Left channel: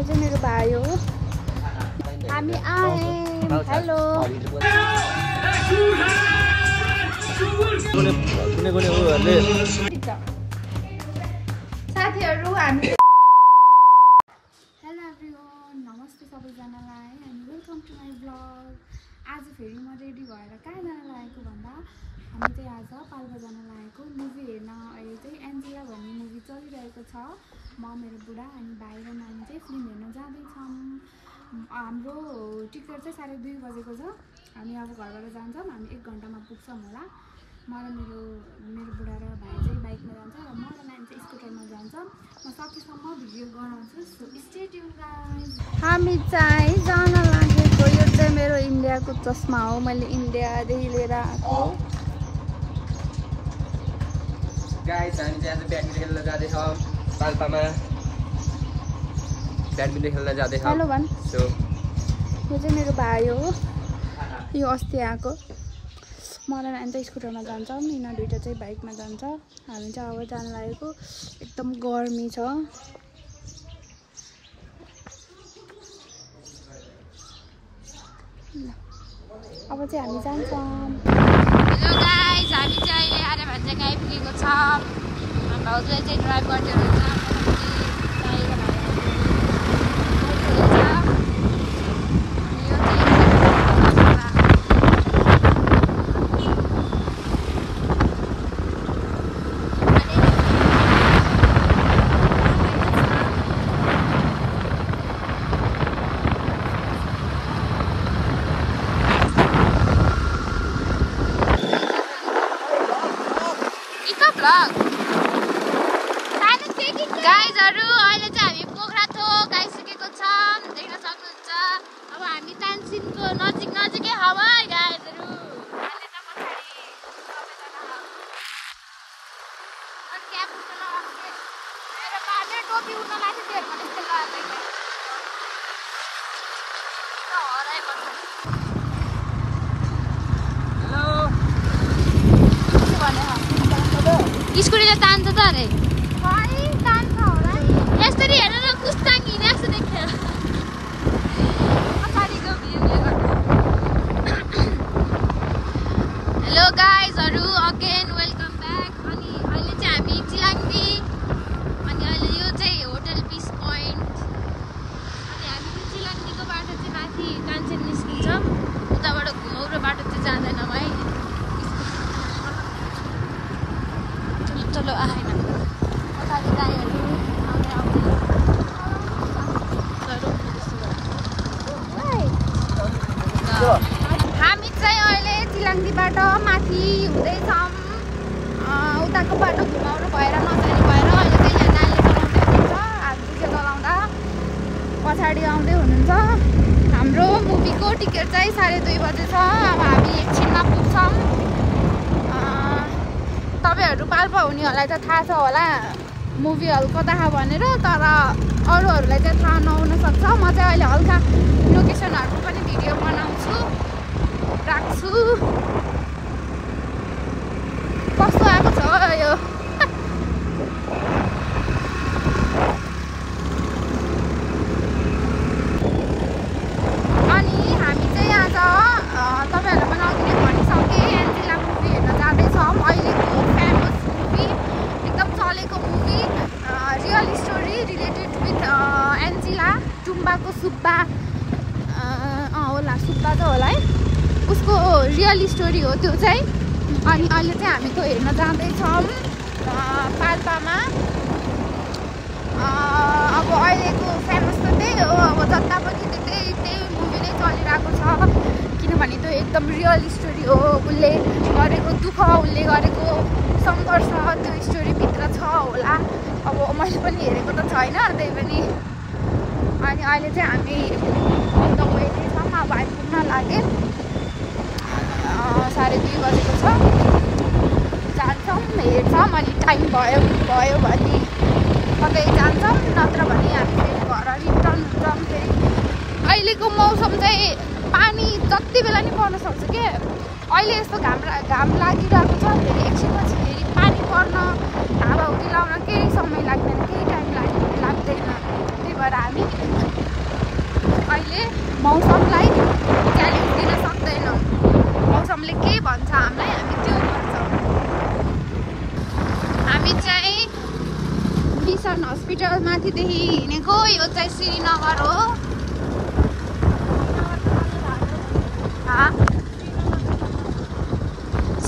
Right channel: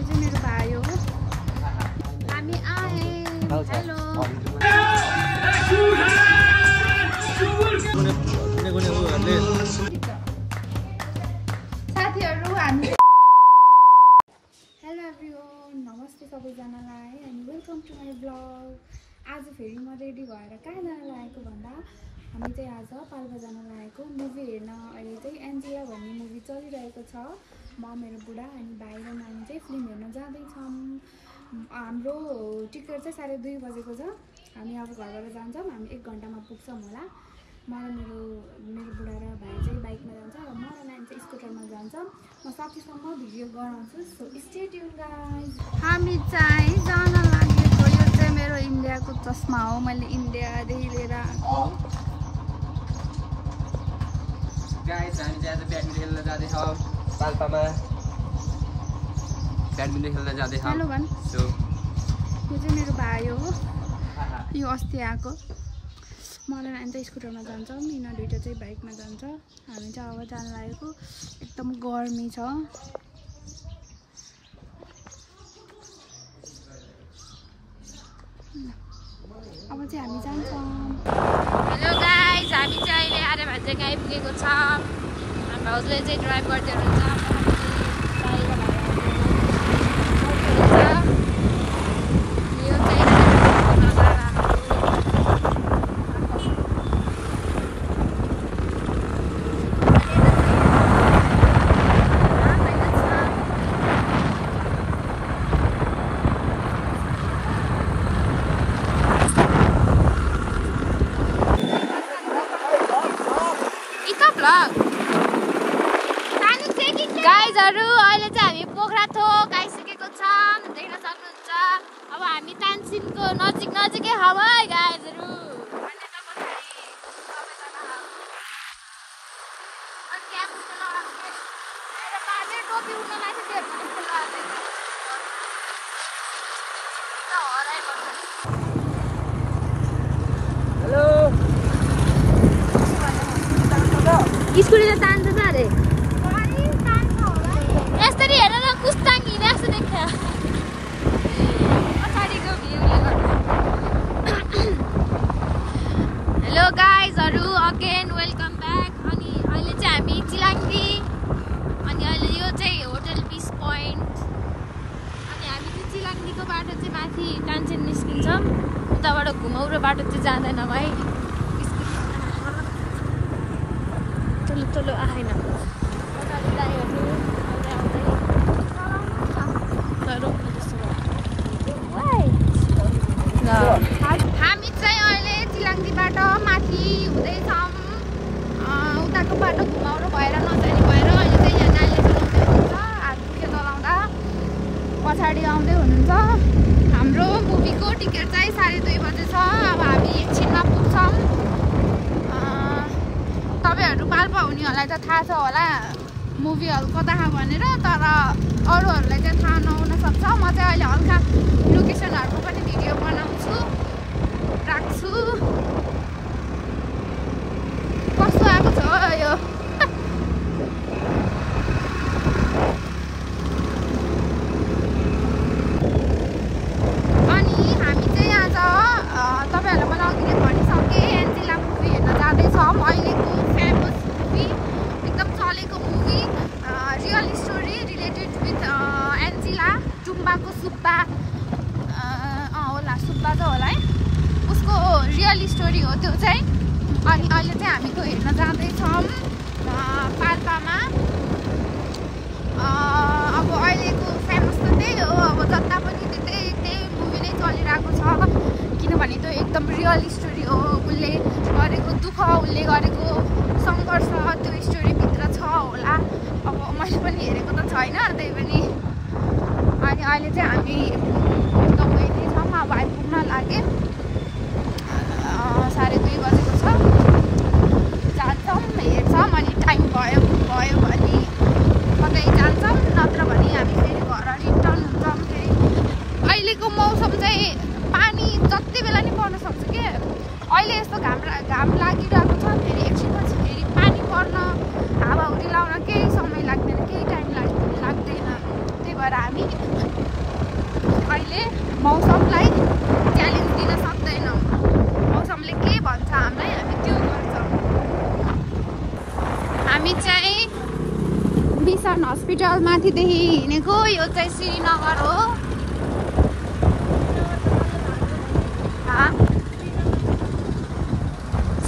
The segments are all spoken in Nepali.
यो चाहिँ मेरो भाइ हो। हामी आए। हेलो साथीहरु हामी हेलो एभ्रीवन नमस्ते सबैजनालाई अनि वेलकम टु माई ब्लग। आज फेरि म रेडी भएर कहाँ जान लागेको भन्दा हामी चाहिँ आज पाल्पा जान लागेको मुभी हेर्न। अहिले चाहिँ एन्जेला भन्ने मुभी चलिरहेको छ। म मेरो बुढा अनि भाइ र नानी चाहिँ फिल्म हेर्न जाँदैछौँ। हाम्रो टिकट चाहिँ 2:30 बजेको छ। हामी अब घरबाट जान्छौँ। हामी 1 घन्टामा पुग्छौँ होला। म र मेरो बुढा र भाइ चाहिँ बाइकमा जान्छ र म र नानी चाहिँ स्कुटरमा जान्छौँ। म सकेसम्म भिडियो गराउँछु। So stay tune guys. हामी चाहिँ जान लागेको। यो चाहिँ मेरो इन्डियाको चस्मा हो। मैले इन्डियादेखि लिएर आएको। गाइस हामी चाहिँ आज ब्याडमिन्टन खेल्न जाँदैछौँ पाल्पामा। ब्याडमिन्टन खेल्न जाँदैछौँ। हेलो भन्। सो यो चाहिँ मेरो भाइ हो। यो अस्ति आएको। म र नानी चाहिँ स्कुटरमा जान्छौँ। यिनीहरू दुइटा चाहिँ बाइकमा जान्छ। हामी चाहिँ अब जान लागेको। एकदम गर्मी छ। अब चाहिँ हामी जान्छौँ। हेलो गाइस हामी चाहिँ अहिले आर्य भान्जा आइपुगेको छ। भाउजूले चाहिँ ड्राइभ गर्दै हुनुहुन्छ। गाइजहरु अहिले चाहिँ हामी पोखराथोक आइसकेको छौँ। देख्न सक्नुहुन्छ। अब हामी तानसिनको नजिकै हावा गाइजहरु। टोपी उड्न लाग्यो। हेलो स्कुटीले तान्छ त अरे। यसरी हेर न पुस्ताङ हिँडेको छु देख्छ। पछाडिको भ्यूले गर्दा। हेलो गाइजहरु अगेन वेलकम ब्याक। अनि अहिले चाहिँ हामी चिलाङ्गी अनि अहिले यो चाहिँ होटल पिस पोइन्ट। अनि हामी चाहिँ चिलाङ्गीको बाटो चाहिँ माथि कान्छन निस्किन्छौँ। उताबाट घुमाउरो बाटो चाहिँ जाँदैन भाइ। चलो आएन। पछाडि गाईहरू हामी चाहिँ अहिले चिलाङ्गीबाट माथि हुँदैछौँ। उताको बाटो घुमाउनु भएर नजाने भएर अहिले चाहिँ यहाँ गाईले चलाउँदै हुनुहुन्छ। हात दुखे चलाउँदा पछाडि आउँदै हुनुहुन्छ। हाम्रो मुभीको टिकट चाहिँ 2:30 बजे छ। अब हामी एकछिनमा पुग्छौँ। तपाईँहरू पाल्पा हुनेहरूलाई त थाहा छ होला मुभी हल कता भनेर। तर अरूहरूलाई चाहिँ थाहा नहुन सक्छ। म चाहिँ अहिले हल्का लोकेसनहरूको पनि भिडियो बनाउँछु राख्छु। कस्तो आएको छ यो। अनि हामी चाहिँ आज तपाईँहरूलाई पनि अघि भनिसकेँ एन्जेला मुभी हेर्न जाँदैछौँ। अहिलेको फेमस मुभी एकदम चलेको movie real story related with Angela टुम्बाको सुब्बा होला सुब्बा त होला है। उसको रियल स्टोरी हो त्यो चाहिँ। अनि अहिले चाहिँ हामी त्यो हेर्न जाँदैछौँ पाल्पामा। अब अहिलेको फेमस त त्यही हो। अब जता पनि त्यही मुभी नै चलिरहेको छ। किनभने त्यो एकदम रियल स्टोरी हो। उसले गरेको दुःख उसले गरेको सङ्घर्ष त्यो स्टोरीभित्र छ होला। अब मैले पनि हेरेको त छैन त्यही पनि। अनि अहिले चाहिँ हामी एकदम छौँ। अब आइपुग्न लागे। 2:30 बजेको छ। जान्छौँ हेर्छौँ। अनि टाइम भयो भने कतै जान्छौँ नत्र भने हामी फेरि घर रिटर्न हुन्छौँ। फेरि अहिलेको मौसम चाहिँ पानी जति बेला नि पर्न सक्छ के। अहिले यस्तो घाम लागिरहेको छ। फेरि एकछिनपछि फेरि पानी पर्न हावाहुरी लाउन केही समय लाग्दैन। केही टाइम लाग्दैन। त्यही गएर हामी अहिले मौसमलाई च्यालेन्ज दिन सक्दैनौँ। मौसमले के भन्छ हामीलाई हामी त्यो गर्छौँ। हामी चाहिँ मिसन हस्पिटल माथिदेखि हिँडेको। यो चाहिँ श्रीनगर हो।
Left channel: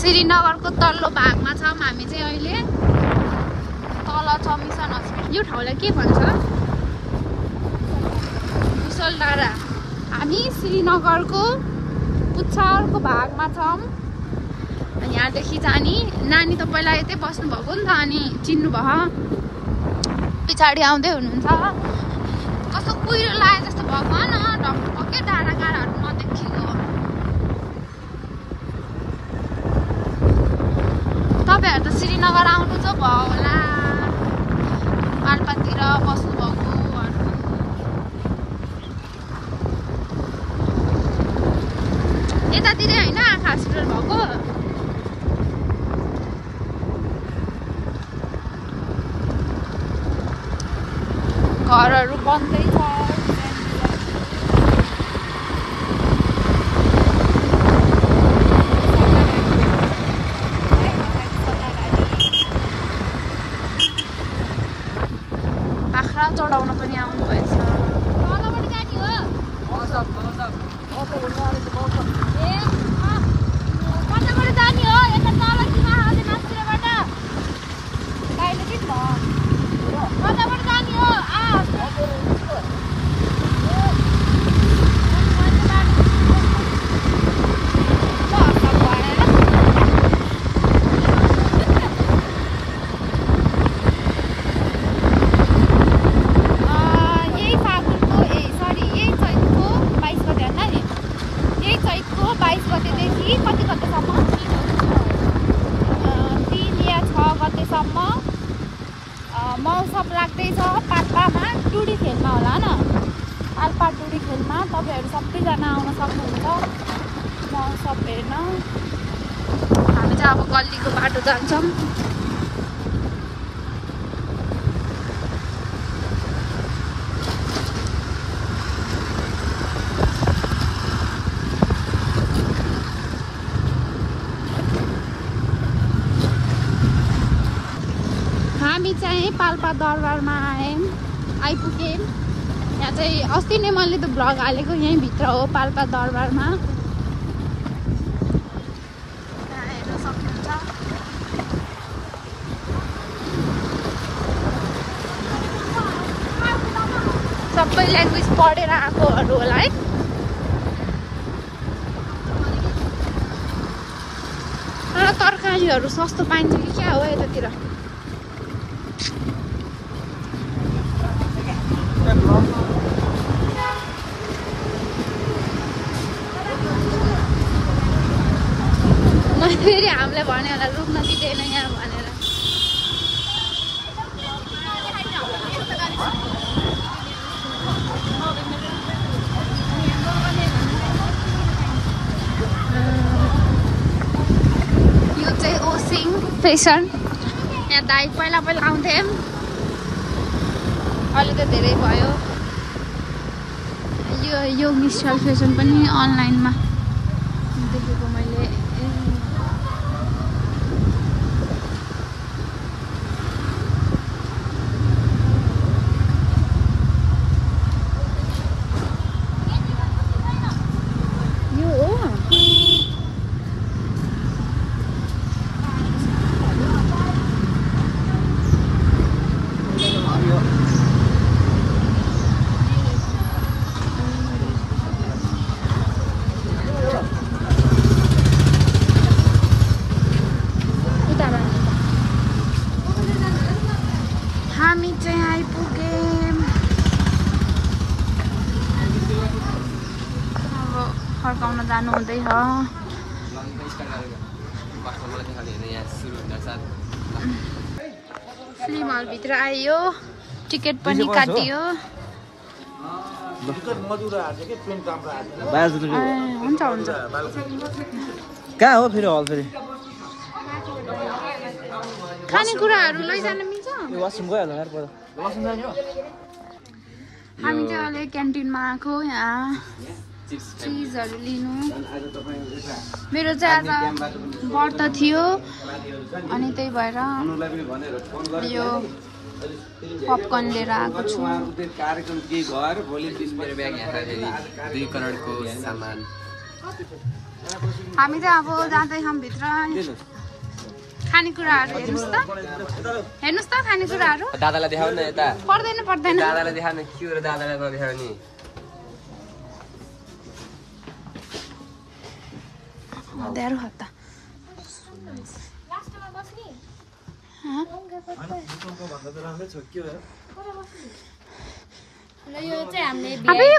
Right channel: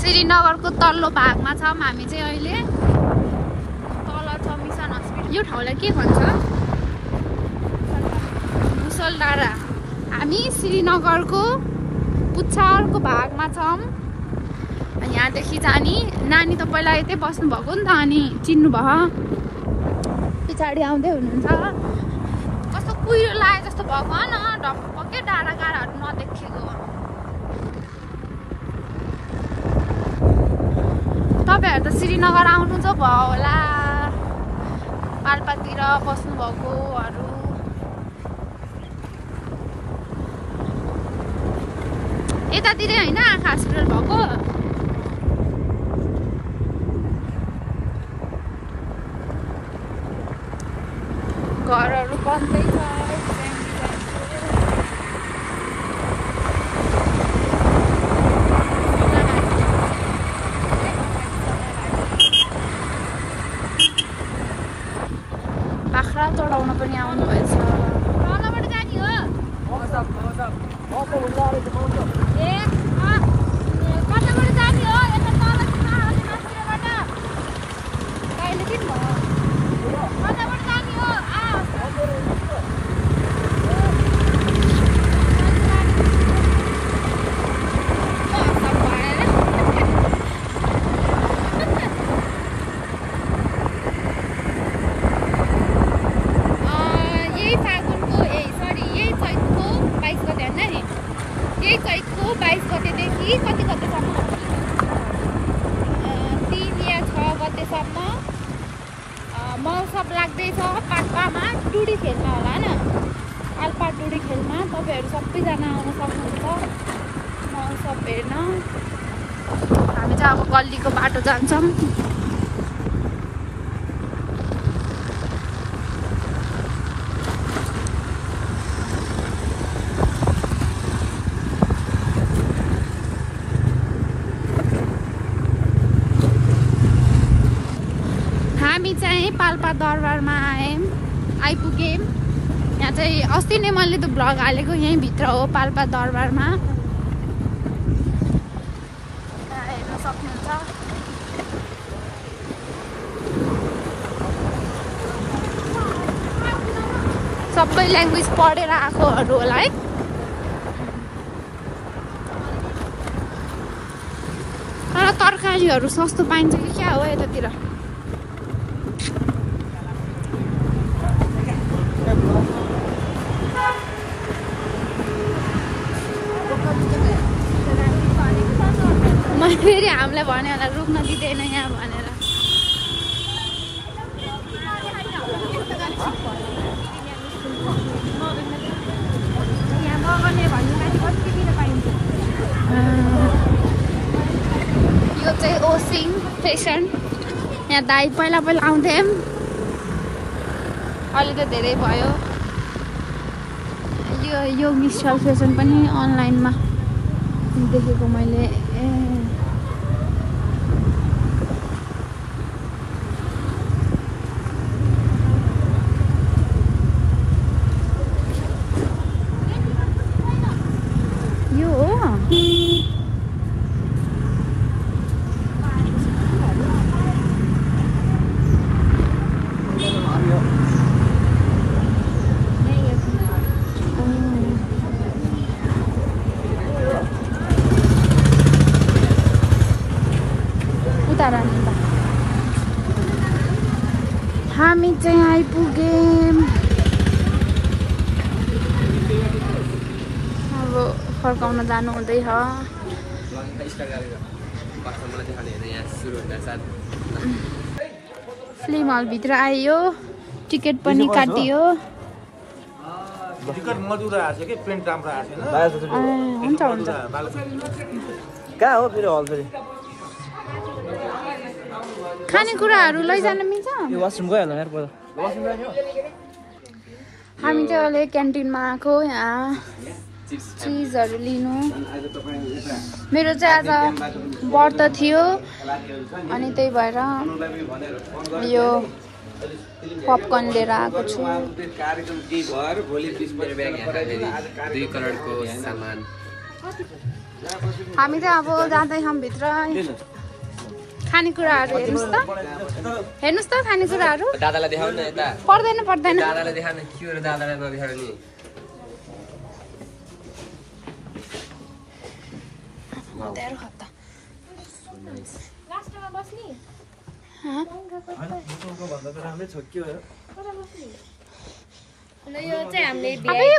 श्रीनगरको तल्लो भागमा छौँ हामी चाहिँ अहिले। तल छ मिसन हस्पिटल। यो ठाउँलाई के भन्छ? मुसलडाँडा। हामी श्रीनगरको पुच्छरको भागमा छौँ। यहाँदेखि जाने नानी त पहिला यतै बस्नुभएको नि त, अनि चिन्नुभयो। पछाडि आउँदै हुनुहुन्छ। कस्तो कुहिरो लागे जस्तो भएको न, ढक्कै डाँडा काँडाहरू नदेखेको। तपाईँहरू त श्रीनगर आउनु त भयो होला, पाल्पातिर बस्नुभएकोहरू। यतातिर होइन हस्पिटल भएको। घरहरू बन्दै छ। बाख्रा चढाउन पनि आउनुभएछ। मौसम लाग्दैछ पाल्पामा टुडी खेलमा होला न। पाल्पा टुडी खेलमा तपाईँहरू सबैजना आउन सक्नुहुन्छ मौसम हेर्न। हामी चाहिँ अब गल्लीको बाटो जान्छौँ। पाल्पा दरबारमा हेर्न सक्नुहुन्छ। सबै ल्याङ्ग्वेज पढेर आएकोहरू होला है। तर तरकारीहरू सस्तो पाइन्छ कि क्या हो यतातिर? फेरि हामीलाई भन्यो होला रुक्न दिँदैन यहाँ भनेर। यो चाहिँ ओसिङ फेसन। यहाँ दाइ पहिला आउँथ्यौँ, अहिले त धेरै भयो। यो मिस्टल फेसन पनि अनलाइनमा देखेको मैले। हामी चाहिँ आइपुग्यौँ। अब फर्काउन जानु हुँदैछ। फिल्म हलभित्र आयो, टिकट पनि काटियो। हुन्छ हुन्छ। कहाँ हो फेरि हल? फेरि खानेकुराहरू लैजान मिल्छ? हामी चाहिँ अहिले क्यान्टिनमा आएको यहाँ चिजहरू लिनु। मेरो चाहिँ आज व्रत थियो अनि त्यही भएर यो पपकर्न लिएर आएको छु। हामी चाहिँ अब जाँदैछौँ भित्र। खानेकुराहरू हेर्नुहोस् त खानेकुराहरू दादालाई देखाउन न यता पर्दैन दादालाई देखाउन के हो र दादालाई नदेखाउने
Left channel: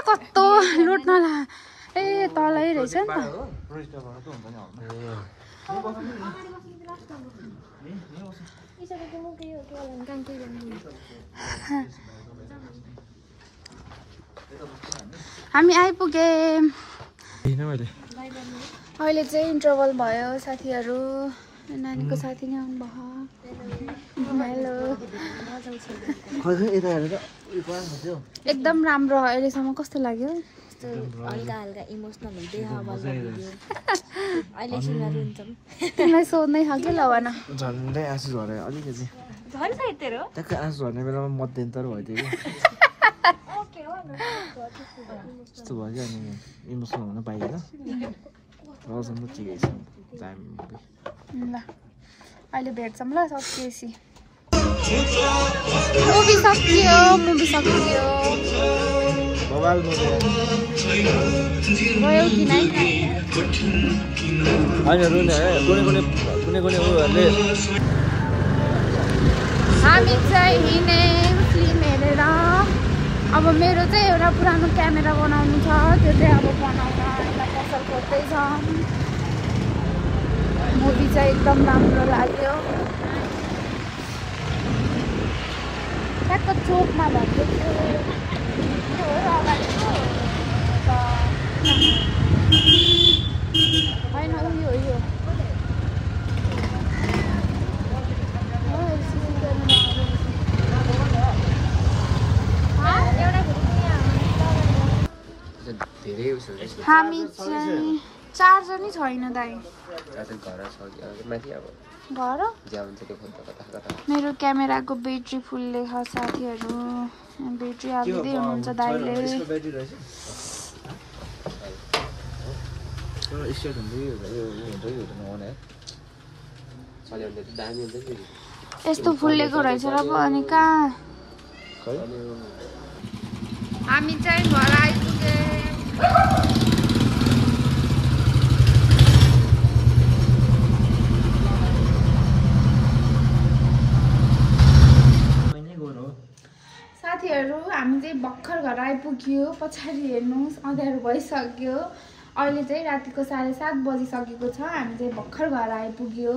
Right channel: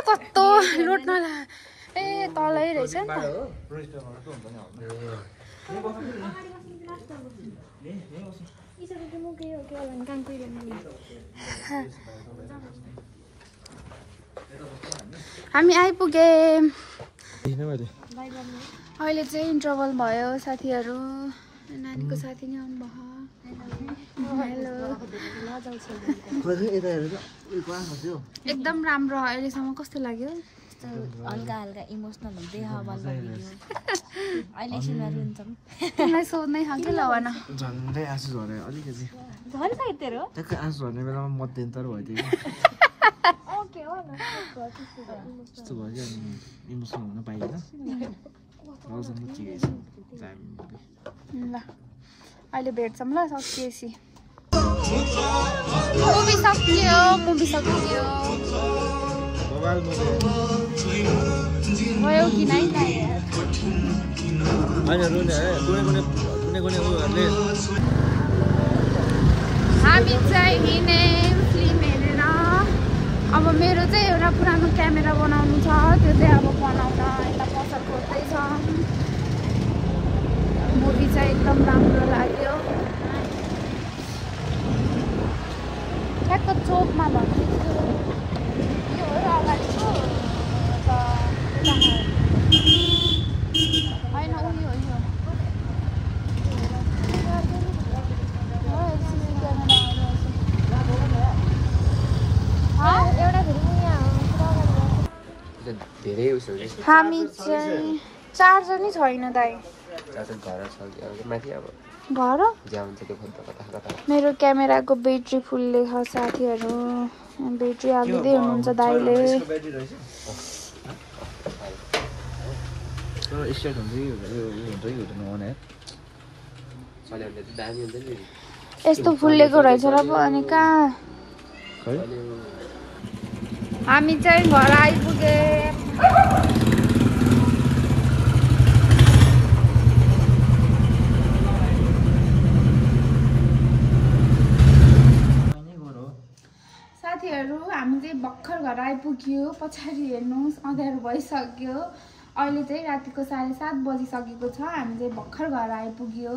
कस्तो लुट्न ए तलै रहेछ नि हामी आइपुगे। अहिले चाहिँ इन्टरभल भयो साथीहरू। नानीको साथी नै आउनुभयो। एकदम राम्रो अहिलेसम्म। कस्तो लाग्यो? हल्का हल्का इमोसनल हुँदै अहिले सुनाएर हुन्छौँ। तिमीलाई सोध्नै छ कि लगान झन्डै आँसु झरे अलिकति ट्याक्कै आँसु झर्ने बेलामा मध्यन्तर भयो त्यो त्यस्तो भयो क्या। अनि इमोसनल हुन पाइएन। रसम्म ठिकै छ। ल अहिले भेट्छौँ ल सकिएपछि। मुभी सकियो गयो कि नै? हामी चाहिँ हिँड्यौँ फिल्म हेरेर। अब मेरो चाहिँ एउटा पुरानो क्यामेरा बनाउनु छ। त्यो चाहिँ अब बनाउँदा यसलाई पसल खोज्दैछ। मुभी चाहिँ एकदम राम्रो लाग्यो। ठ्याक्क चोकमा भन्दै थियो त्यो हो र अगाडिको होइन उयो हो यो सिसी क्यामेराहरू हामी चाहिँ चार्जर नै छैन दाइ। घर मेरो क्यामेराको ब्याट्री फुल्ले छ साथीहरू। ब्याट्री हालिदिँदै हुनुहुन्छ दाइले। यस्तो फुल्लेको रहेछ र पो। अनि कहाँ हामी चाहिँ घर आइपुगे। साथीहरू हामी चाहिँ भर्खर घर आइपुग्यो। पछाडि हेर्नुहोस् अँध्यारो भइसक्यो। अहिले चाहिँ रातिको 7:30 बजिसकेको छ। हामी चाहिँ भर्खर घर आइपुग्यो।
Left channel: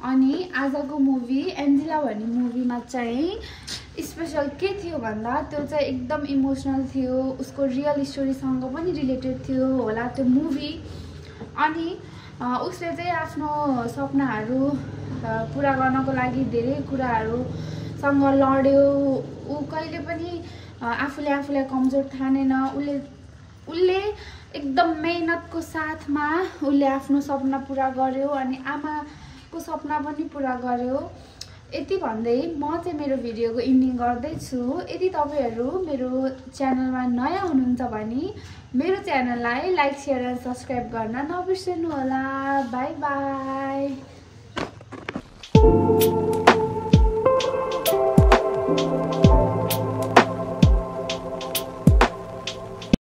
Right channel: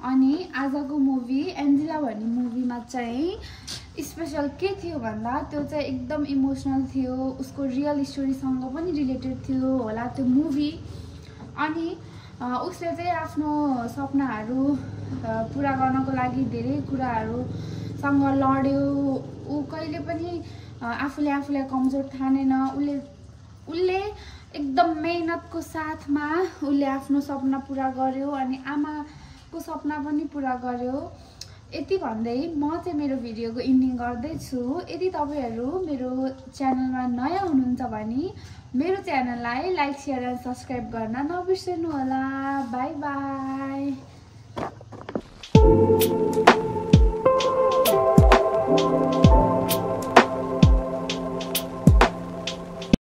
अनि आजको मुभी एन्जेला भन्ने मुभीमा चाहिँ स्पेसल के थियो भन्दा त्यो चाहिँ एकदम इमोसनल थियो। उसको रियल स्टोरीसँग पनि रिलेटेड थियो होला त्यो मुभी। अनि उसले चाहिँ आफ्नो सपनाहरू पुरा गर्नको लागि धेरै कुराहरूसँग लड्यो। ऊ कहिले पनि आफूलाई कमजोर ठानेन। उसले एकदम मेहनतको साथमा उसले आफ्नो सपना पुरा गर्यो अनि आमाको सपना पनि पुरा गर्यो। यति भन्दै म चाहिँ मेरो भिडियोको इन्डिङ गर्दैछु। यदि तपाईहरु मेरो च्यानलमा नयाँ हुनुहुन्छ भने मेरो च्यानललाई लाइक शेयर र सब्स्क्राइब गर्न नबिर्सनु होला। Bye bye.